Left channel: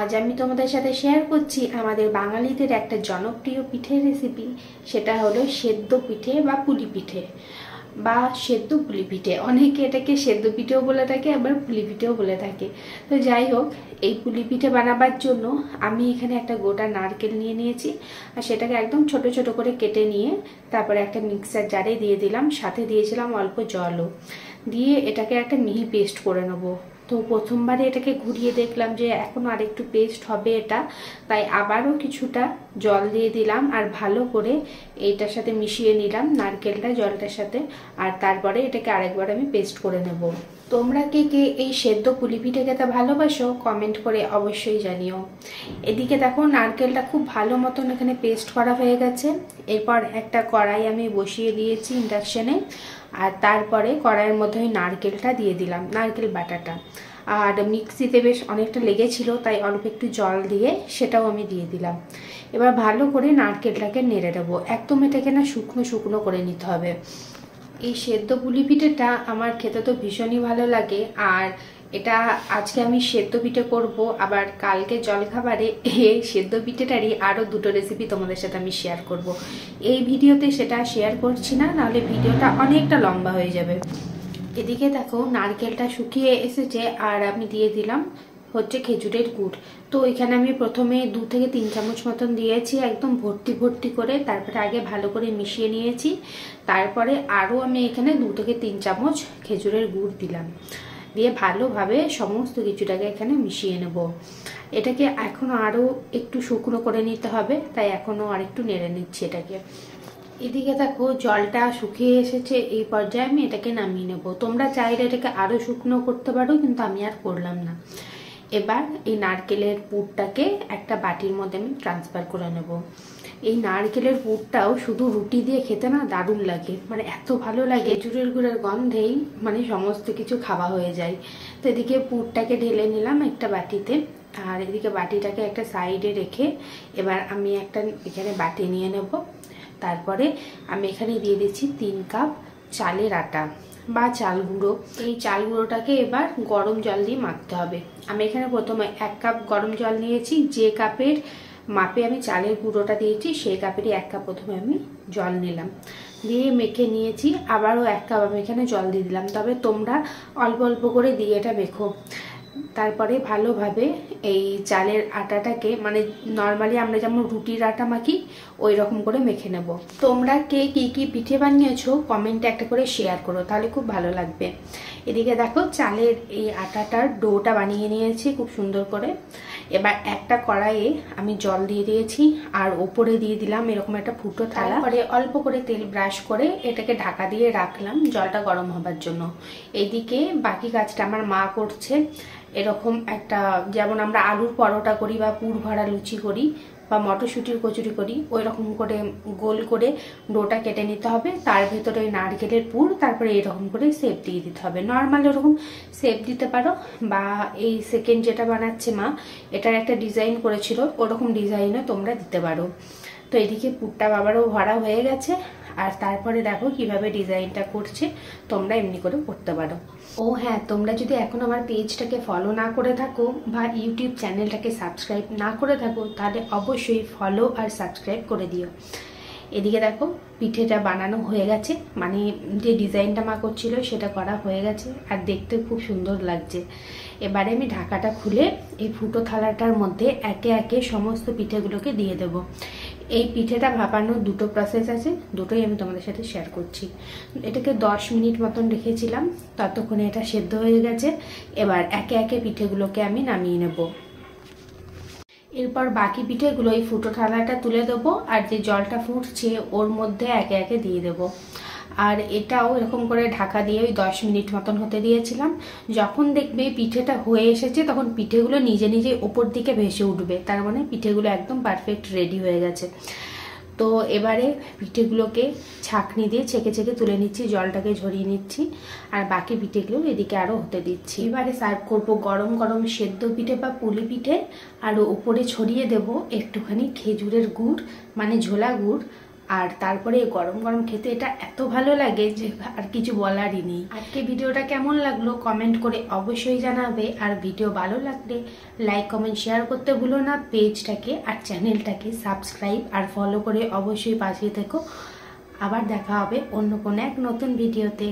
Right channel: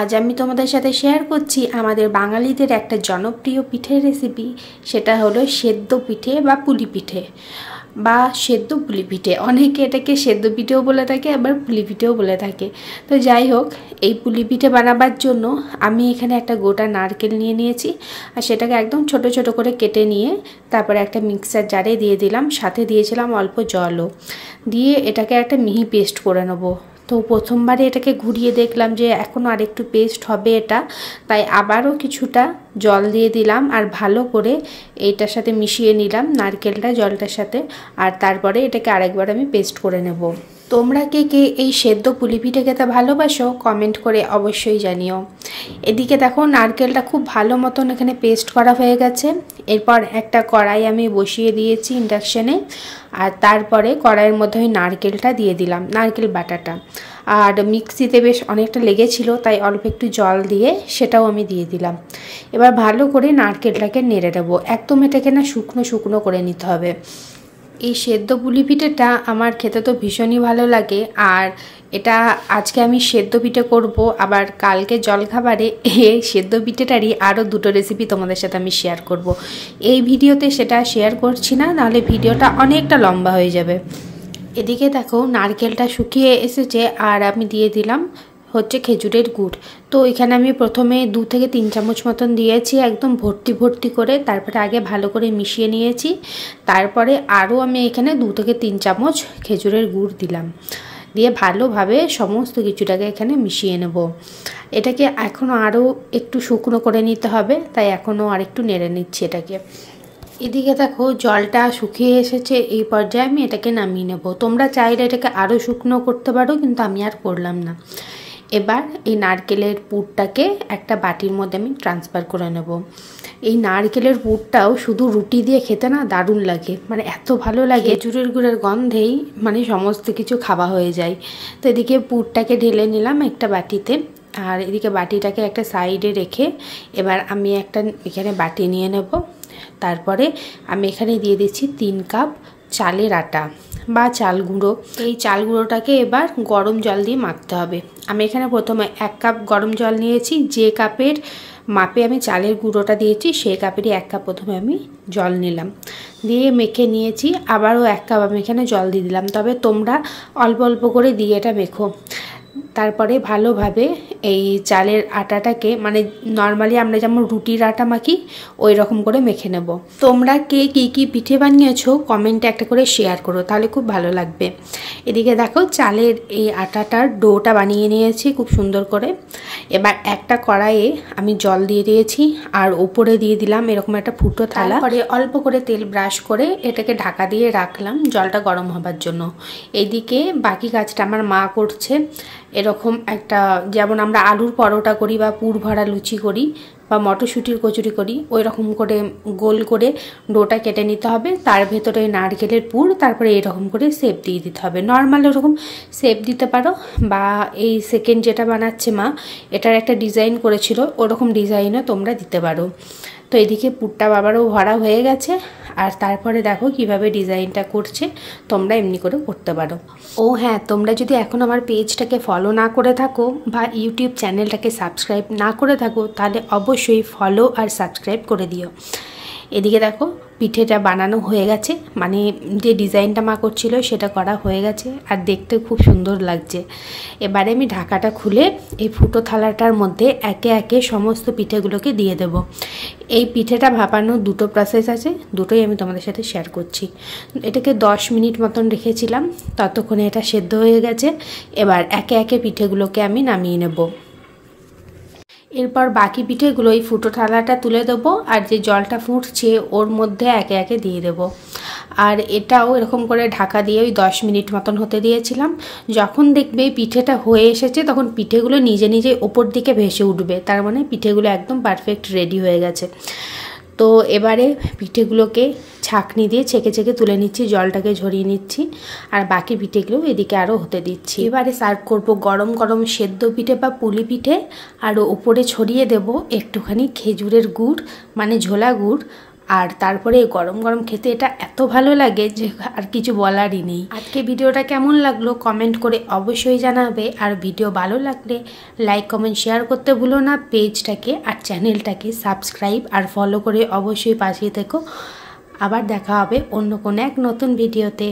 আজ আমি তোমাদের সাথে শেয়ার করছি আমাদের বাঙালিদের একটা জনপ্রিয় পিঠের রেসিপি। সেটা হলো সেদ্ধ পিঠে বা পুলি পিঠে বা সেদ্ধ পুলি পিঠে। অনেকে এটাকে সেদ্ধ পিঠেও বলে থাকে, আবার পুলি পিঠেও বলে থাকে। তো যাই হোক, এই পুলি পিঠে বানাবার জন্য আমি এখানে একটা গোটা নারকেল নিয়ে নিয়েছি, আর সেটাকে একদম ছোট ছোট করে কেটে নিয়ে তারপরে একটা মিক্সার জারে দিয়ে দিলাম, সাথে দিয়েছিলাম অল্প জলও দিয়ে এটাকে একটা মিহি পেস্ট করে নেবো। তো প্রথমবারে এটাকে ঘুরিয়ে দেখলাম যে এখনও আরেকটু পেস্ট হবে এটা, তাই আবারও কিছুটা জল দিয়ে দিলাম আর ভালো করে এইটার সাথে মিশিয়ে নিলাম নারকেলটা জলটার সাথে। আর তারপরে এটাকে আরেকবার আমি পেস্ট করে নেব। তোমরা কে কে এই সেদ্ধ পুলি পিঠে খেতে ভালোবাসো কমেন্ট করে অবশ্যই জানিও। এদিকে দেখো নারকেলটা খুব ভালো মতন এখানে পেস্ট করা হয়ে গেছে। এরপর একটা কড়াই আমি বসিয়ে দিয়েছি ইন্ডাকশানে, আর তারপরে কড়াইয়ের মধ্যে ওই নারকেলটা দিয়ে দিলাম, নারকেল বাটাটা। আর মিক্সিতে বেশ অনেকটা লেগেছিল, তাই অল্প একটু জল দিয়ে সেটাও আমি দিয়ে দিলাম। এবার ভালো করে নারকেলটাকে নেড়ে দেবো, একদম এটাকে না শুকনো শুকনো করে নিতে হবে। এই সেদ্ধ পুলি পিঠেটা আমার খেতে তো ভীষণই ভালো লাগে, আর এটা আজকে আমি সেদ্ধ পিঠে করব, আবার কালকে জলখাবারে এই সেদ্ধ পিঠেটারই আরও দুটো রেসিপি তোমাদের সাথে আমি শেয়ার করব। এই ভিডিওতে সেটা শেয়ার করছি না, নাহলে ভিডিওটা অনেকটা লম্বা হয়ে যাবে। এদিকে দেখো নারকেলটা শুকিয়ে এসেছে, আর আমি দিয়ে দিলাম হচ্ছে খেজুরের গুড়। তো এখানে আমি প্রথমে 2 থেকে 3 চামচ মতন দিয়েছি, একদম ভর্তি ভর্তি করে। তারপরে আগে ভালো করে মিশিয়ে নিয়েছি, তারপরে আরও আমি এখানে 2 থেকে 3 চামচ খেজুরের গুড় দিলাম, দিয়ে ভালোভাবে সমস্ত কিছুটাকে এখানে মিশিয়ে নেব। এটাকে এখনও আরও একটু শুকনো করে নিতে হবে, তাই এখনও আরেকটু নেড়ে নিচ্ছি এটাকে। এদিকে দেখো জলটা শুকিয়ে এসেছে, এই পর্যায়ে আমি এটাকে নামিয়ে নেব। তোমরা চাইলে এটাকে আরও শুকনো করতে পারো, কিন্তু আমি আর করলাম না। এবার এই নারকেলের পুরটাকে একটা বাটির মধ্যে আমি ট্রান্সফার করে নেব। এই নারকেলের পুরটাও শুধু রুটি দিয়ে খেতে না দারুণ লাগে, মানে এত ভালো লাগে, খেজুরের গুড়ের গন্ধেই মানে সমস্ত কিছু খাওয়া হয়ে যায়। তো এদিকে পুরটাকে ঢেলে নিলাম একটা বাটিতে, আর এদিকে বাটিটাকে একটা সাইডে রেখে এবার আমি একটা এখানে বাটি নিয়ে নেব। তারপরে আমি এখানে দিয়ে দিচ্ছি 3 কাপ চালের আটা বা চাল গুঁড়ো। এই চাল গুঁড়োটাকে এবার গরম জল দিয়ে মাখতে হবে। আমি এখানে প্রথমে 1 কাপ গরম জল নিয়েছি, যে কাপের মাপে আমি চালের গুঁড়োটা দিয়েছি সেই কাপেরই 1 কাপ প্রথমে আমি জল নিলাম, দিয়ে মেখে নিয়েছি। আবারও 1 কাপ আমি এখানে জল দিয়ে দিলাম, তবে তোমরা অল্প অল্প করে দিয়ে এটা মেখো। তারপরে ভালোভাবে এই চালের আটাটাকে মানে নর্মালি আমরা যেমন রুটির আটা মাখি ওই রকম করে মেখে নেব। তোমরা কে কী কী পিঠে বানিয়েছো কমেন্টে একটা করে শেয়ার করো, তাহলে খুব ভালো লাগবে। এদিকে দেখো চালের এই আটাটার ডোটা বানিয়ে নিয়েছি খুব সুন্দর করে। এবার একটা কড়াইয়ে আমি জল দিয়ে দিয়েছি, আর ওপরে দিয়ে দিলাম এরকম একটা ফুটো থালা। পরে অল্প করে তেল ব্রাশ করে এটাকে ঢাকা দিয়ে রাখলাম জলটা গরম হবার জন্য। এইদিকে বাকি কাজটা আমার মা করছে। এরকম একটা, যেমন আমরা আলুর পরোটা করি বা পুর ভরা লুচি করি বা মটরশুঁটির কচুরি করি, ওই রকম করে গোল করে ডোটা কেটে নিতে হবে, তার ভেতরে নারকেলের পুর, তারপরে এরকম করে শেপ দিয়ে দিতে হবে। নর্মাল এরকম শেপ দিতে পারো, বা এই সেকেন্ড যেটা বানাচ্ছে মা এটার একটা ডিজাইন করেছিল, ওরকম ডিজাইনও তোমরা দিতে পারো। তো এদিকে পুরটা আবারও ভরা হয়ে গেছে, আর তারপরে দেখো কিভাবে ডিজাইনটা করছে, তোমরা এমনি করে করতে পারো। ও হ্যাঁ, তোমরা যদি এখন আমার পেজটাকে ফলো না করে থাকো বা ইউটিউব চ্যানেলটাকে সাবস্ক্রাইব না করে থাকো, তাহলে অবশ্যই ফলো আর সাবস্ক্রাইব করে দিও। এদিকে দেখো পিঠেটা বানানো হয়ে গেছে, মানে যে ডিজাইনটা মা করছিল সেটা করা হয়ে গেছে, আর দেখতে খুব সুন্দর লাগছে। এবারে আমি ঢাকাটা খুলে এই ফুটো থালাটার মধ্যে একে একে সমস্ত পিঠেগুলোকে দিয়ে দেব। এই পিঠেটা ভাপানোর 2টো প্রসেস আছে, দুটোই আমি তোমাদের সাথে শেয়ার করছি। এটাকে 10 মিনিট মতন রেখেছিলাম, ততক্ষণে এটা সেদ্ধ হয়ে গেছে। এবার একে একে পিঠেগুলোকে আমি নামিয়ে নেব। এরপর বাকি পিঠেগুলো এই ফুটো থালাটা তুলে দেবো, আর যে জলটা ফুটছে ওর মধ্যে একে একে দিয়ে দেবো। আর এটাও এরকম করে ঢাকা দিয়ে ওই 10 মিনিট মতন হতে দিয়েছিলাম। যখন দেখবে পিঠেটা হয়ে এসেছে তখন পিঠেগুলো নিজে নিজে ওপর দিকে ভেসে উঠবে, তার মানে পিঠেগুলো একদম পারফেক্ট রেডি হয়ে গেছে। তো এবারে পিঠেগুলোকে ছাঁকনি দিয়ে ছেঁকে ছেঁকে তুলে নিচ্ছি, জলটাকে ঝরিয়ে নিচ্ছি, আর বাকি পিঠেগুলো এদিকে আরও হতে দিচ্ছি। এবারে সার্ভ করব গরম গরম সেদ্ধ পিঠে বা পুলি পিঠে, আর ওপরে ছড়িয়ে দেব একটুখানি খেজুরের গুড় মানে ঝোলা গুড় আর তারপরে গরম গরম খেতে এটা এত ভালো লাগে যে আর কিছু বলারই নেই। আজকে ভিডিওটা কেমন লাগলো কমেন্ট করে অবশ্যই জানাবে। আর ভিডিও ভালো লাগলে লাইক কমেন্ট শেয়ার করতে ভুলো না। পেজটাকে আর চ্যানেলটাকে সাবস্ক্রাইব আর ফলো করে অবশ্যই পাশে থেকো। আবার দেখা হবে অন্য কোনো এক নতুন ভিডিওতে।